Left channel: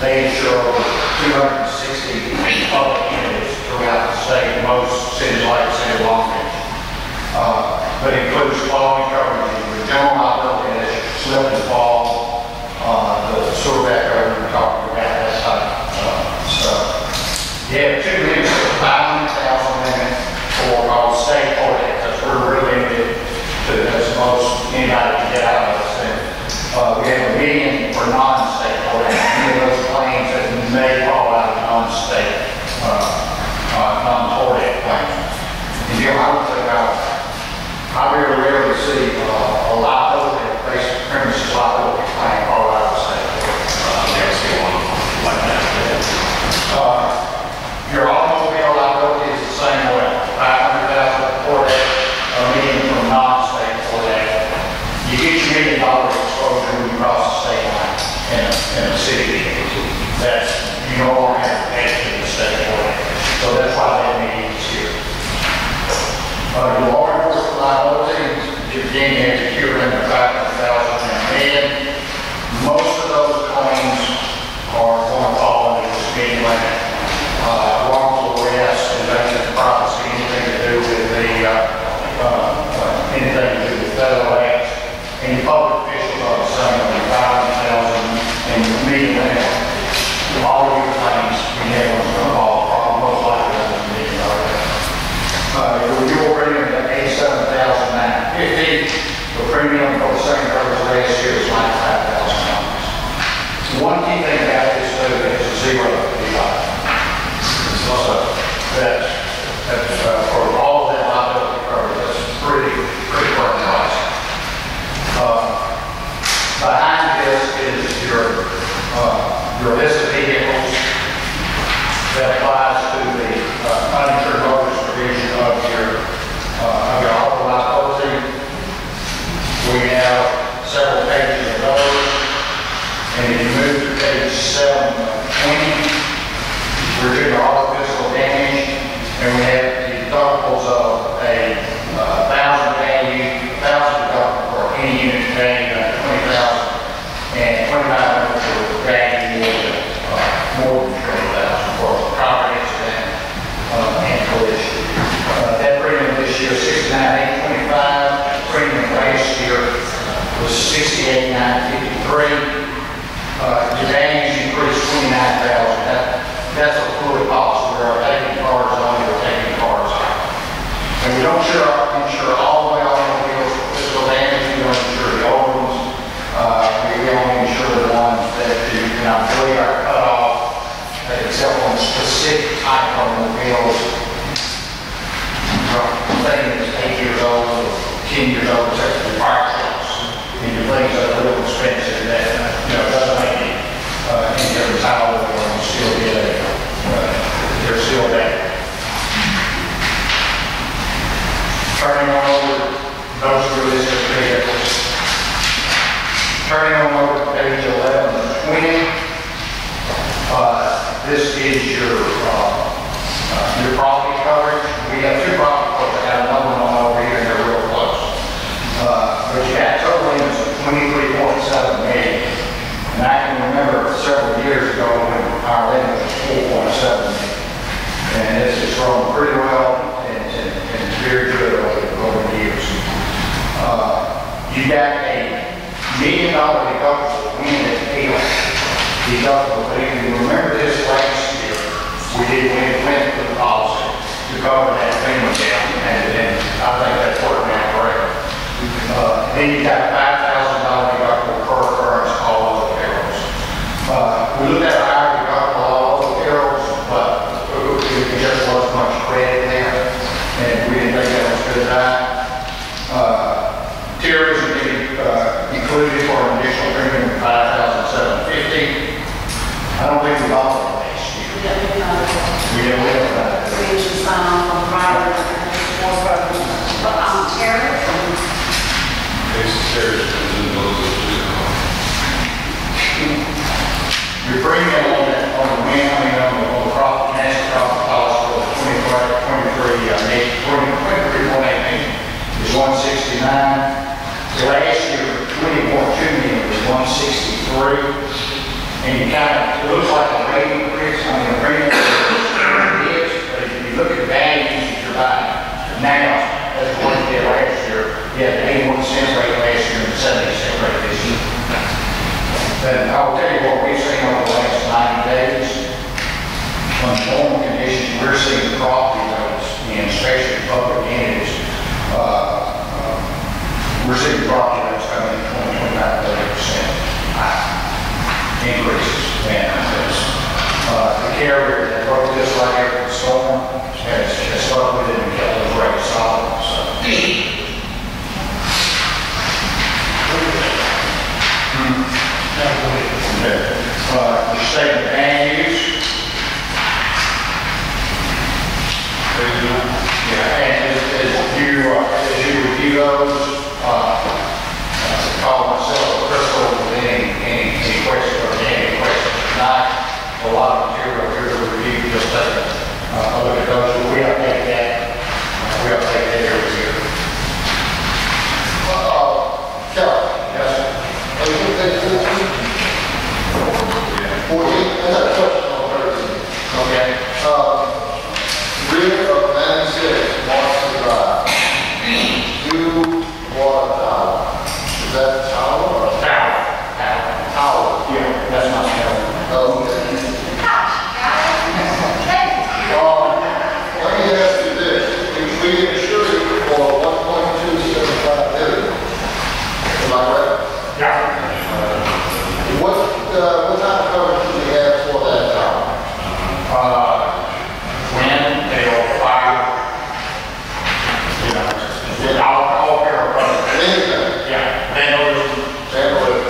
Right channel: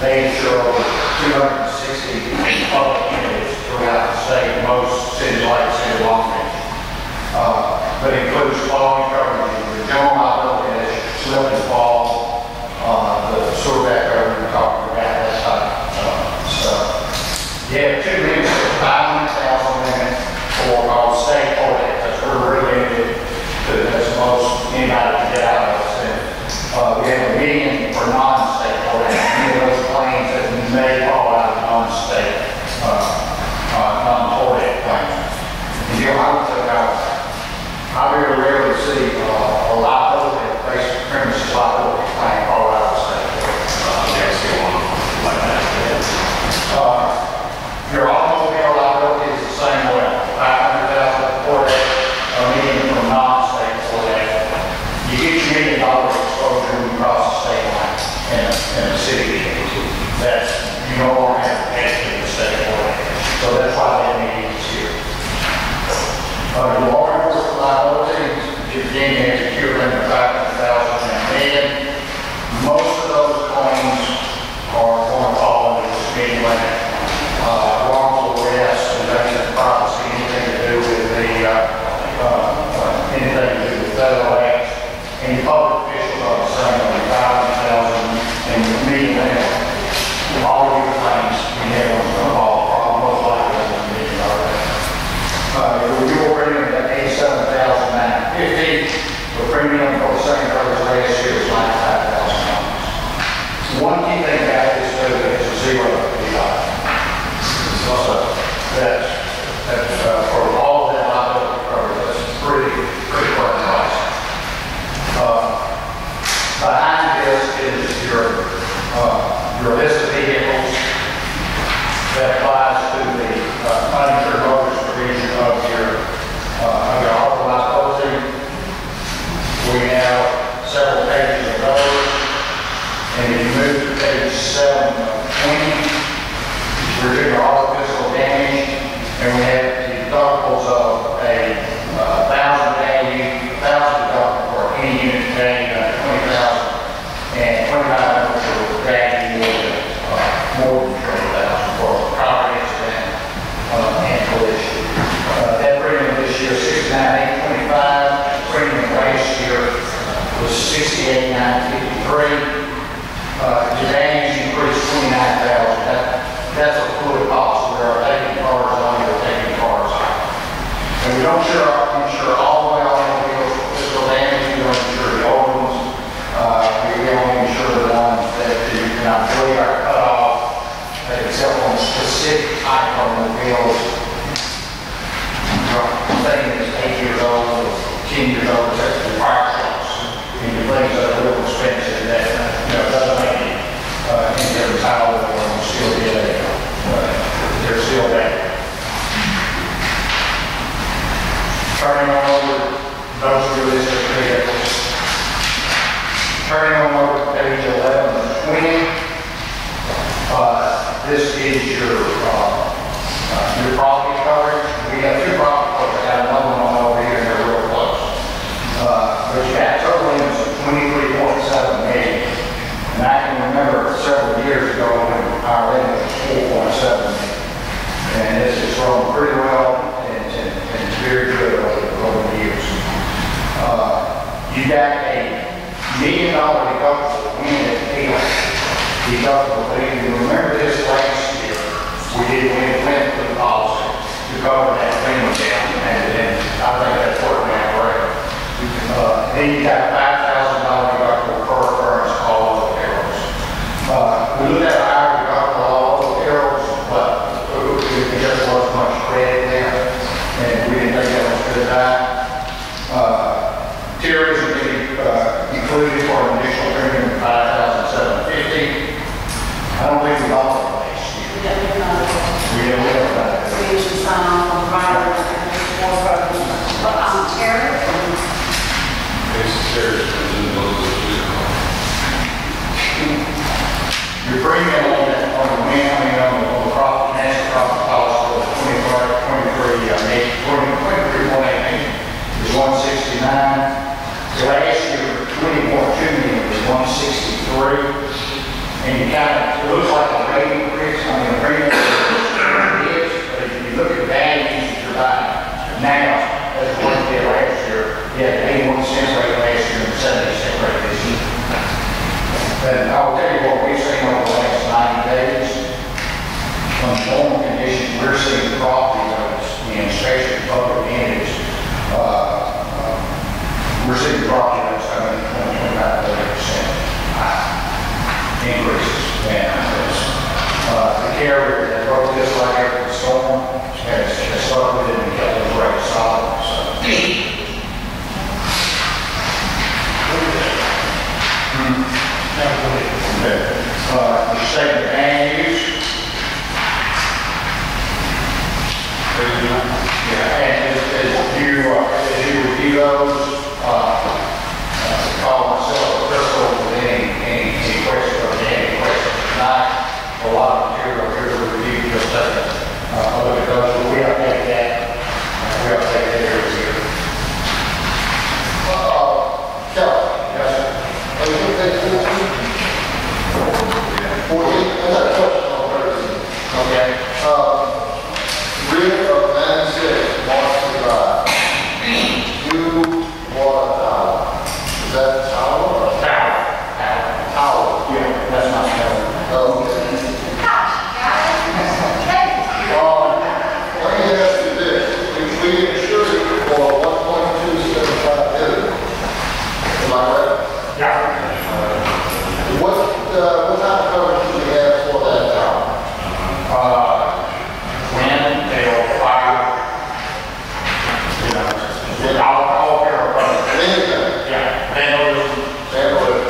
They insure over 260 public entities throughout the state, most cities like the city of Long Beach. But includes following coverage: the general liability, as slip and fall, the sewer backhoe we talked about, that type of stuff. You have 2 limits of 500,000 limit for state audit, because we're really limited to as most anybody can get out of us. And we have $1 million for non-state audit. Any of those claims that may fall out of non-state non-audit claims. And I very rarely see a liability-based premises liability claim fall out of the state. Never see one like that. Your automobile liability is the same way. 500,000 for that, $1 million from non-state for that. You get your $1 million exposure when you cross the state line in a city. That's, you no longer have to pay to the state for that. So that's why that meeting is here. Your law enforcement liability, again, you have a cure limit of 500,000 and most of those claims are going to fall into the speed limit. Wrongful arrest, invasion of privacy, anything to do with federal acts, and public officials are the same, 500,000 and the median limit. All of your claims, you have one's going to fall, most likely on the median already. Your renewal premium at $87,950. The premium for the same coverage last year is $95,000. One key thing about this too is a zero deductible. So that's for all of that liability coverage, that's pretty firm price. Behind this is your list of vehicles that applies to the uninsured motorist provision of your auto liability. We have several pages of those, and if you move to page 720, we're doing auto physical damage, and we have the deductibles of a 1,000 deductible for any unit value under 20,000, and 2,500 for value more than 20,000 for property accident and collision. That premium this year is $69,825. Premium last year was $68,953. Your damage increased $29,000. That's a fluid policy. We are taking cars on, we're taking cars out. And we don't insure all the way automobiles for physical damage. We don't insure the old ones. We only insure the ones that you cannot believe are cut off, except on specific type of automobiles. Something that's 8 years old or 10 years old, except for fire trucks. And your things that are a little expensive that doesn't make it into a tile or still get they're still there. Turning on over those realistic vehicles. Turning on over to page 11 and 20. This is your property coverage. We have 2 property coverage. I have another one over here, and they're real close. But you got total limits of $23.7 million. And I can remember several years ago when our limit was $4.7 million. And this has grown pretty well and very good over the years. You got a $1 million deductible wind and hail deductible. But if you remember this last year, we did went for the policy to cover that premium down, and I think that's working out great. Then you got a $5,000 deductible per occurrence all over the perils. We looked at a higher deductible all over the perils, but it just wasn't much credit there, and we didn't think that was good enough. Terrorism included for an additional premium of $5,750. I don't think we bought it last year. We didn't win about it. We usually sign off on riders and more programs. But terrorism. Your premium on the profit, national profit policy for the 23.8 is $169. Last year, 20.2 million was $163. And you it looks like receiving property notice, and especially public entities, receiving property notice coming in 20-25-30% increases. And the carrier that wrote this like every storm has stuck with it and kept those rates solid. So. The state of land use. Yeah, and as you review those, call myself Crystal with any questions or any questions tonight. A lot of material here to review, just take a look at those. We update that. We update that every year. Kelly, yes, sir. Are you going to take 14? I got a question on 13. Okay. Rear of 96, Marshall Drive. New water tower. Is that tower or Tower. tower? Yeah, that's my tower. Okay. Let me ask you this. If we insure you for 1.275 million, am I right? Yeah. What kind of coverage do we have for that tower? Wind, hail, fire, you know, all here are covered. Anything? Yeah, vandalism, Vandalism.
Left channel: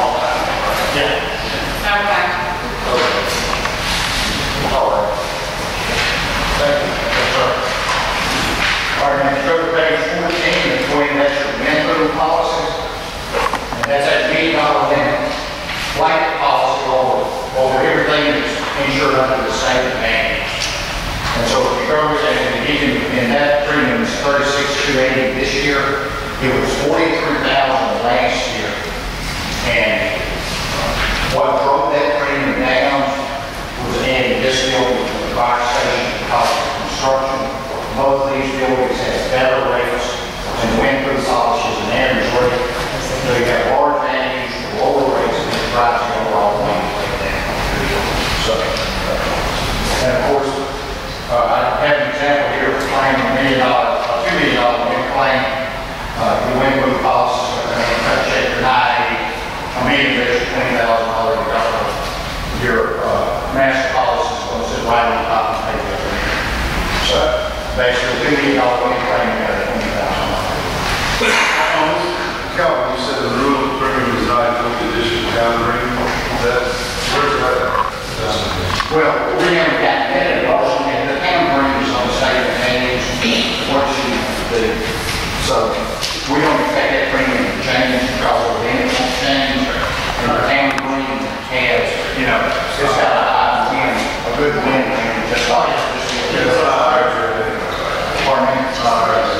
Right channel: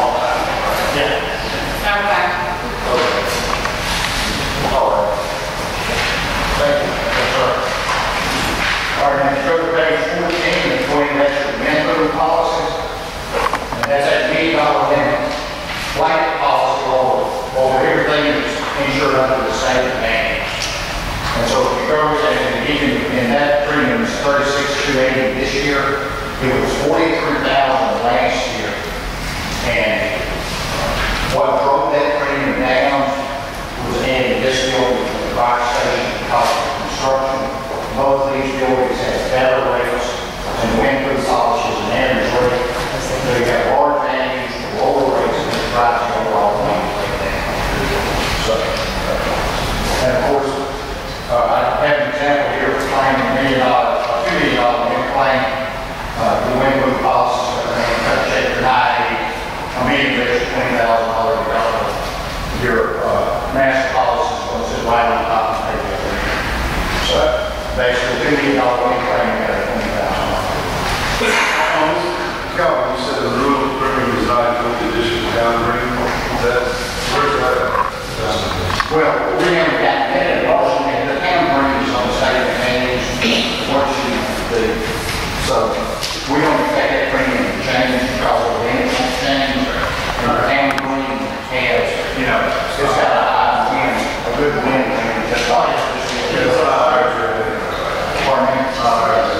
all that. Yeah. Okay. Okay. All right. Thank you. Yes, sir. All right, now go to page 14, and 20, that's your minimum policies. And that's that $1 million limit, blanket policy over everything that's insured under the same advantage. And so if you go and even in that premium is $36,280 this year, it was $43,000 last year. And what drove that premium down was adding this building to the fire station because of construction. Both of these buildings have better rates and wind-proof polishes and average rate. So you have large values, lower rates, and it drives the overall wind rate down. So, and of course, I have an example here of claiming $2 million wind claim. The wind-proof policies are going to check your 980. I mean, there's $20,000 deductible. Your master policy is going to sit right on top of the page over here. So basically, $2 million wind claim, you got $20,000. Calvin, you said the rule of premium is not included additional boundary. Where's that at? Well, we haven't gotten that at all, and the town brings on the state advantage what you do. So we don't expect that premium to change because of the income change, and the town green has, you know, it's got a high wind, a good wind, just like It's not higher than pardon me?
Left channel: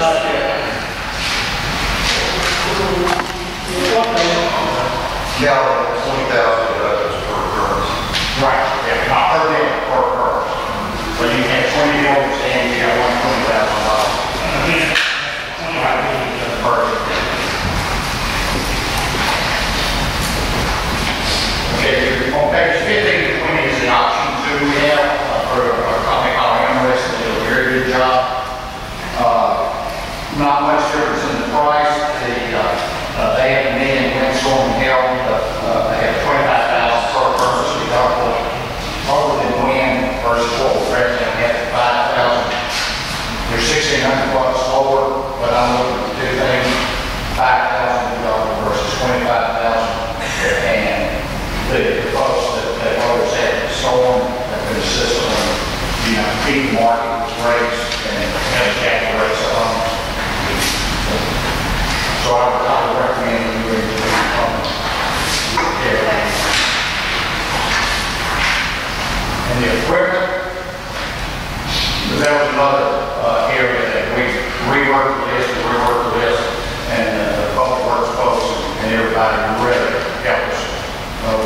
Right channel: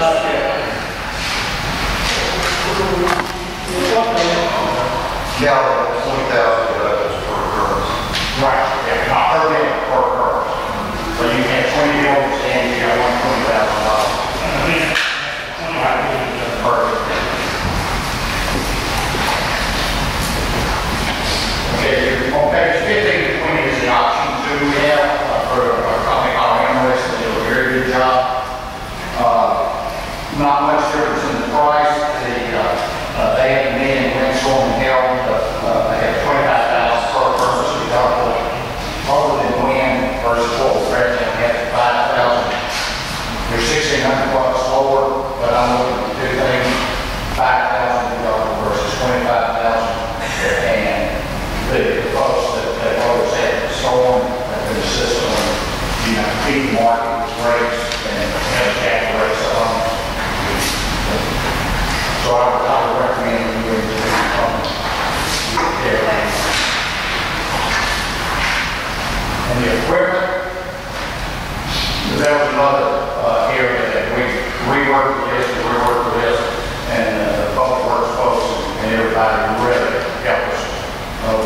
not yet. Calvin, 20,000 deductibles per occurrence. Right, yeah, not per day, per occurrence. So you have 20 buildings and you got $120,000. Perfect. Okay, on page 15 to 20 is the option 2 we have for a company called Amherst. They do a very good job. Not much difference in the price. They have a million windstorm and hail. They have 25,000 per person deductible. Other than wind versus what we're presently at 5,000. They're $1,600 lower, but I'm looking to do things 5,000 deductible versus 25,000. And the folks that always had the storm have been assisting, you know, keep the market rates and have cap rates on. So I would recommend that you do and the equipment, that was another area that we reworked this, and the public works folks and everybody really helped us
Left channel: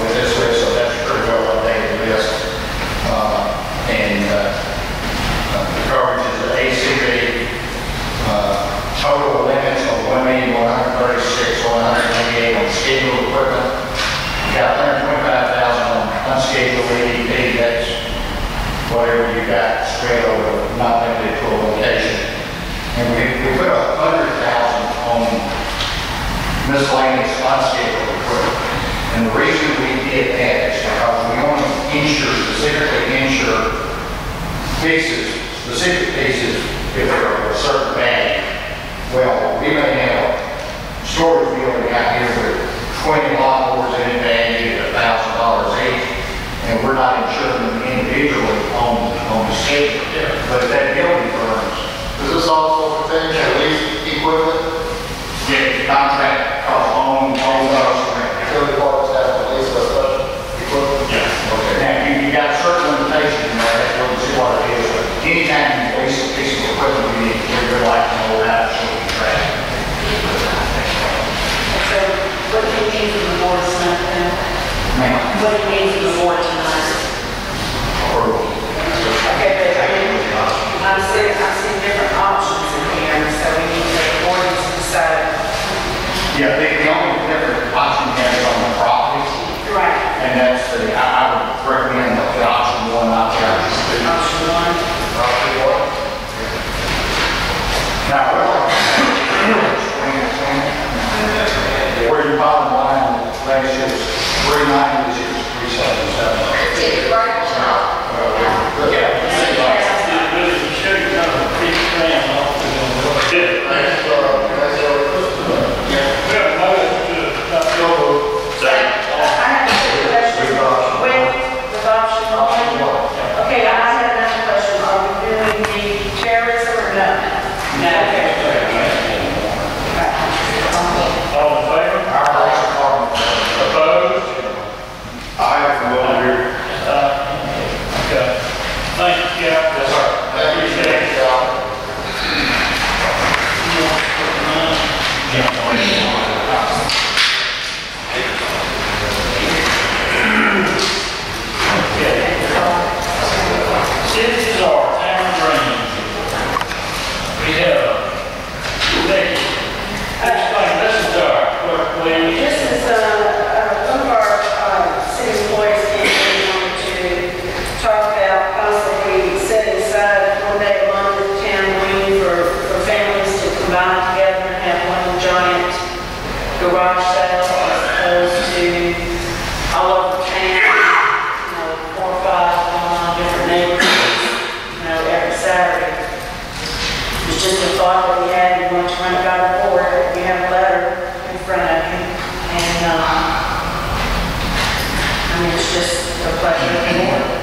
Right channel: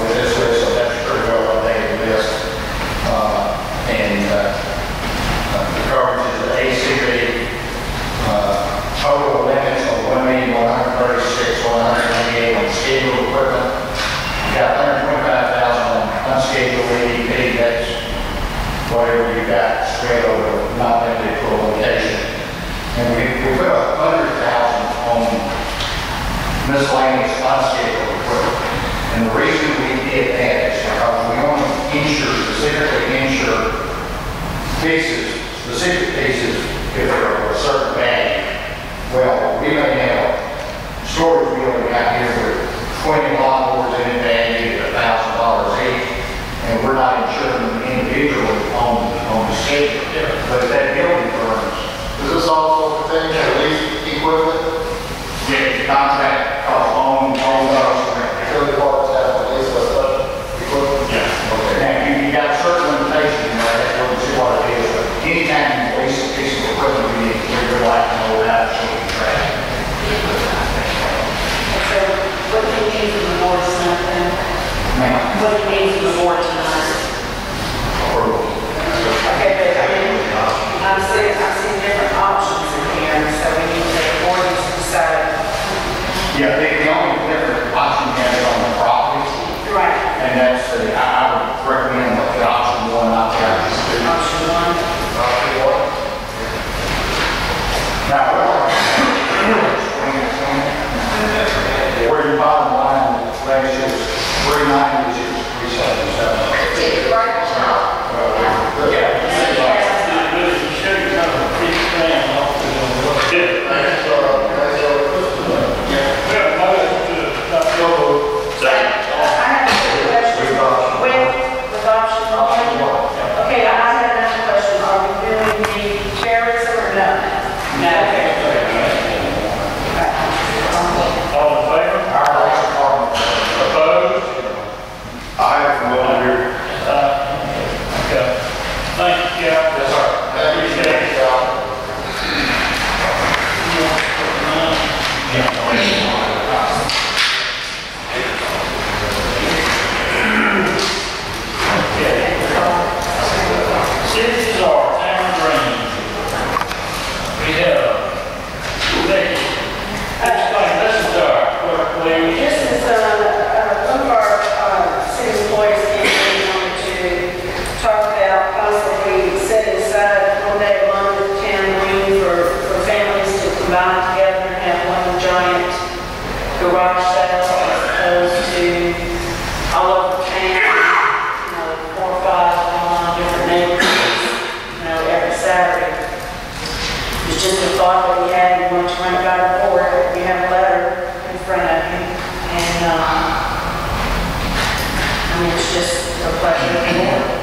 with this list, so that's pretty well updated list. The coverage is the ACV, total limits of 1,136,188 on scheduled equipment. We got 125,000 on unscheduled or ADP, that's whatever you got spread over, not limited to a location. And we put 100,000 on miscellaneous unscheduled equipment. And the reason we did that is because we only specifically insure pieces, specific pieces, if they're of a certain value. Well, we may have storage building out here with 20 lawnmowers in it valued at $1,000 each, and we're not insuring them individually on the schedule. But if that building burns, Does this also pertain to lease equipment? get the contract, on those. Utility departments have to lease such equipment? Yeah. Okay. Now, you got a certain limitation in there, that's what you see what it is, but anytime you lease a piece of equipment, we'd like to know about it so we can track it. So what do you need from the board tonight then? Ma'am, What do you need from the board tonight? approval. Okay, but I mean, I'm seeing different options in here, so we need to take board to decide. Yeah, the only different option you have is on the property, Right. and that's I would recommend the option one, not the option two. Option one. Now, where your bottom line ratio is 390, this is 377. I have two questions. With option one. Okay, I have another question. Are we doing the terrorism or no? No. Okay. All in favor? Our police department, Opposed? I have from over here. Okay. Thank you, Cap. yes, sir. Appreciate it. Cities are town drains. We have, Becky, explain, this is our clerk, please. This is, one of our, city employees came in and wanted to talk about possibly setting aside one day a month at the town green for families to combine together and have one giant garage sale as opposed to all over town, 4 or 5 different neighborhoods, every Saturday. It's just a thought that we had, we want to run it by the board, we have a letter in front of you, and, I mean, it's just a pleasure of the board.